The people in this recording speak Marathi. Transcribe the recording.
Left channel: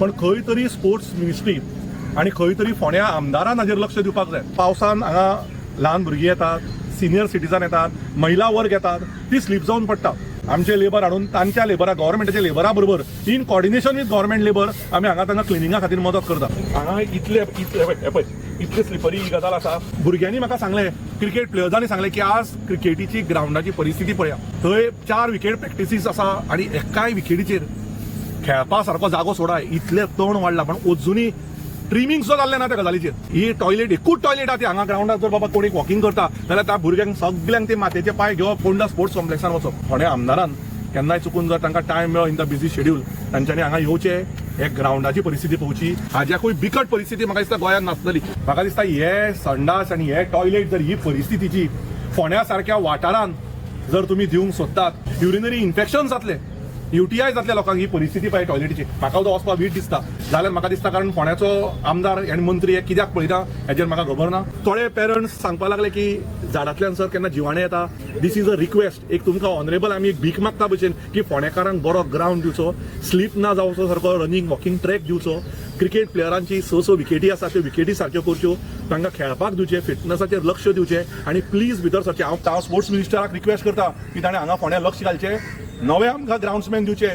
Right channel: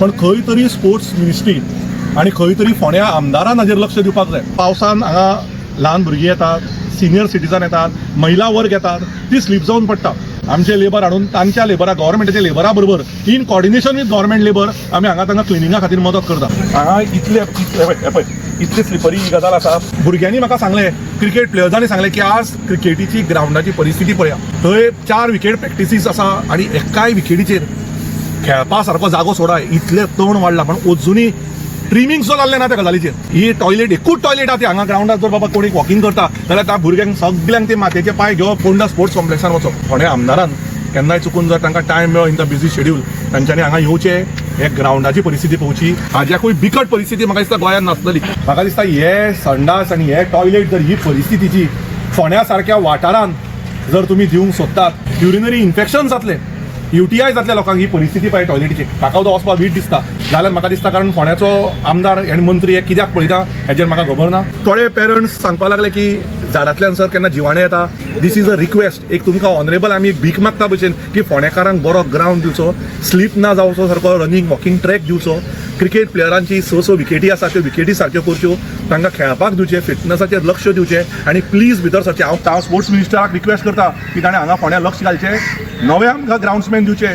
पण खंय तरी स्पोर्ट्स मिनिस्ट्री आणि खंय तरी फोंड्या आमदारान हाजेर लक्ष दिवपाक जाय. पावसान हांगा ल्हान भुरगीं येतात, सिनियर सिटीजन येतात, महिला वर्ग येतात, ती स्लीप जावन पडटा. आमचे लेबर हाडून तांच्या लेबरा गव्हर्मेंटाच्या लेबरा बरोबर in coordination with government labour आमी हांगा तांकां क्लिनिंगा खातीर मदत करता. हांगा इतले स्लिपरी ही गजाल आसा. भुरग्यांनी म्हाका सांगलें, क्रिकेट प्लेयर्सांनी सांगलें की आज क्रिकेटीची ग्रावंडाची परिस्थिती पळया. थंय 4 विकेट प्रॅक्टिसीस आसा आणि एकाय विकेटीचेर खेळपा सारको जागो सोडाय, इतलें तण वाडला. पण अजुनूय ट्रिमींग सुद्दां जाल्लें ना त्या गजालीचेर. ही टॉयलेट एकूच टॉयलेट आहा ती हांगा ग्रावंडार. जर बाबा कोणी वॉकिंग करता जाल्यार त्या भुरग्यांक सगळ्यांक ते मातयेचे पांय घेवप फोंडा स्पोर्ट्स कॉम्प्लेक्सार वचप. फोंड्या आमदारान केन्नाय चुकून जर तांकां टायम मेळ्ळो इन द बिझी शेड्यूल तांच्यांनी हांगा येवचें, हे ग्रावंडाची परिस्थिती पळोवची. हाज्याकूय बिकट परिस्थिती म्हाका दिसता गोंयांत नासतली. म्हाका दिसता हे संडास आनी हे टॉयलेट जर ही परिस्थितीची फोंड्या सारक्या वाठारांत जर तुमी दिवंक सोदतात, युरिनरी इन्फेक्शन जातले, UTI जातल्या लोकांक ही परिस्थिती पाहिजे टॉयलेटीची. म्हाका तो वचपाक वीट दिसता. जाल्यार म्हाका दिसता कारण फोंड्याचो आमदार आनी मंत्री हे कित्याक पळयता हेजेर म्हाका खबर ना. थोडे पेरंट्स सांगपाक लागले की झाडांतल्यान सर केन्ना जिवाणें येता. This is a request. एक तुमकां ऑनरेबल आमी एक भीक मागता भशेन की फोंडेकारांक बरो ग्रावंड दिवचो, स्लीप ना जावचो सारको, रनिंग वॉकिंग ट्रॅक दिवचो. क्रिकेट प्लेयरांची स विकेटी आसा त्यो विकेटी सारक्यो करच्यो, तांकां खेळपाक दिवचें, फिटनेसाचेर लक्ष दिवचें आनी प्लीज भितर सरचें. हांव स्पोर्ट्स मिनिस्टराक रिक्वेस्ट करता की ताणें हांगा फोंड्या लक्ष घालचें, नवे आमकां ग्रावंड्समॅन दिवचे.